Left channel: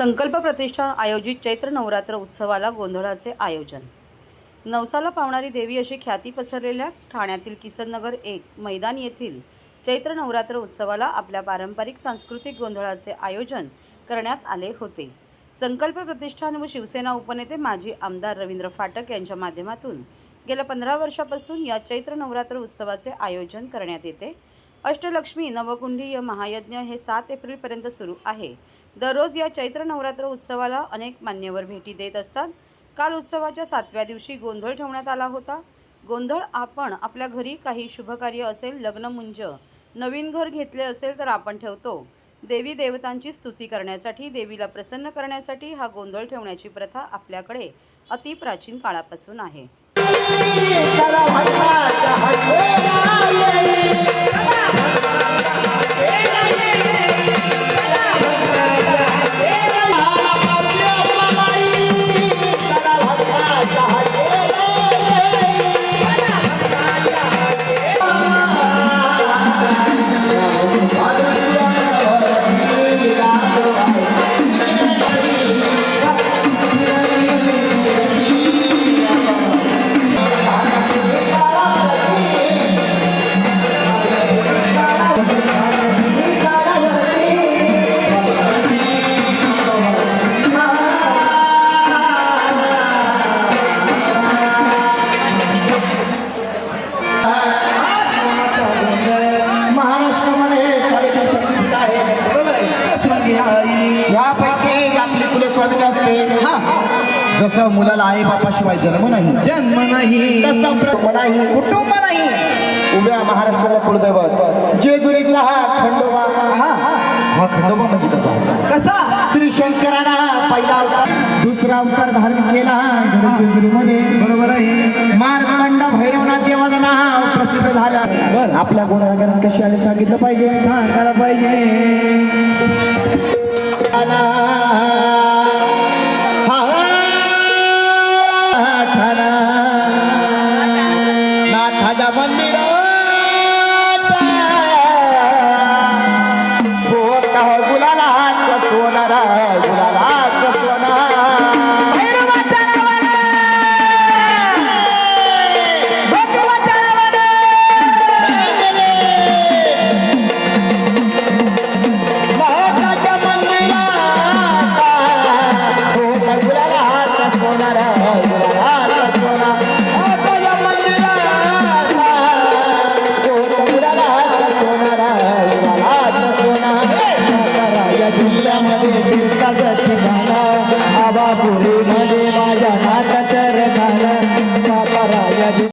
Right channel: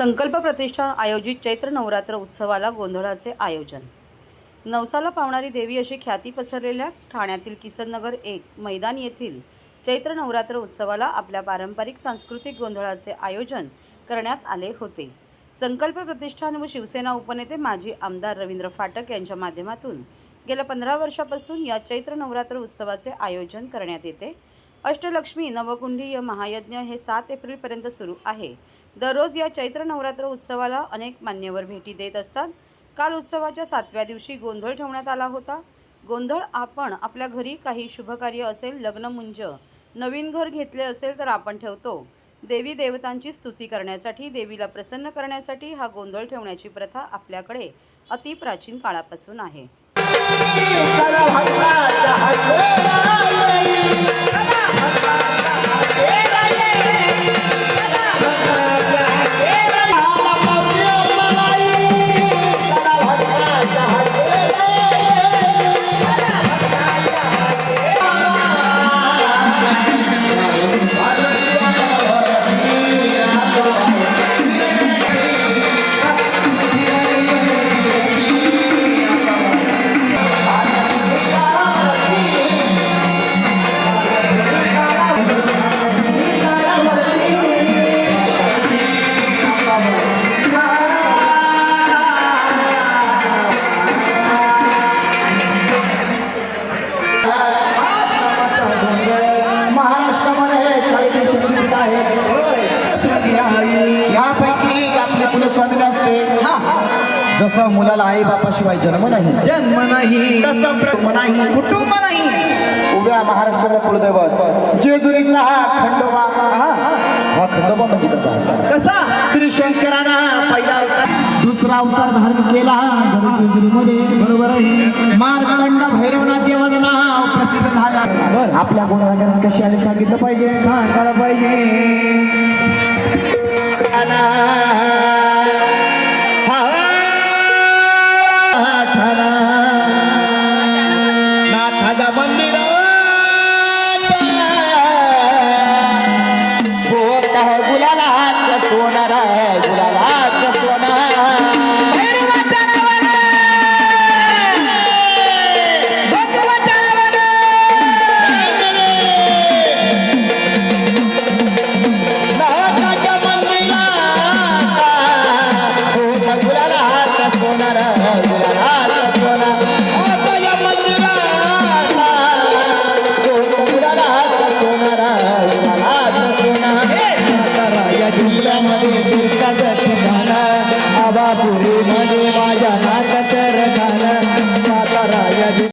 संकल्प प्रतिष्ठान आयोजित चैत्र नवरात्र उत्सवाला गोंधळाचे आयोजन। नवसाला पावणारी देवी अशी ख्याती पसरलेल्या ठाण्यातील किसननगर 1 मैदान येथील चैत्र नवरात्र उत्सवाला आपल्या पारंपरिक सांस्कृतिक गोंधळाचे आयोजन करण्यात आले होते। संकल्प प्रतिष्ठान व शिवसेना उपनेते माजी आमदार रवींद्र फाटक यांच्या माध्यमातून गेल्या 15 वर्षापासून या चैत्र नवरात्र उत्सवाचे आयोजन करण्यात येते। अष्टलक्ष्मी नवकुंडीय महायज्ञ हे 7 एप्रिलपर्यंत सुरू आहे। दररोज या चैत्र नवरात्र उत्सवाला अनेक मान्यवर भेटी देत असतात। काल उत्सवाच्या 7व्या दिवशी गोंधळ ठेवण्यात आला होता। गोंधळ आपण आपल्या घरी काही शुभकार्य असेल, लग्नमुंज, नवीन घर घेतले असेल तर आपण ठेवतो। देवी देवतांची स्तुती करण्यासाठी, देवीला प्रसन्न करण्यासाठी हा गोंधळ ठेवण्याची प्रथा आपल्याकडे अति प्राचीन काळापासून आहे। जसं मुलाला आई बापाशिवाय जन्म नाही, तसा कुटुंब नाही। उभ्या महाराष्ट्राला कुलदैवत जेजुरीचा हा खंडोबा, हा खंडोबा म्हणजे कसा श्री शंकराना पहिला अवतार, दुसरा अवतार धारण केला जेजुरीमध्ये, बरोबर आहे। मार्तंड भैरवनाथ देवाचे नाव प्रसिद्ध झाला। आपल्या गुणगान कशी आले सांगितलं पाहिजे, सांगायला पाहिजे। नाथाच्या मंदिरात हो का गुलाला हात सोनारा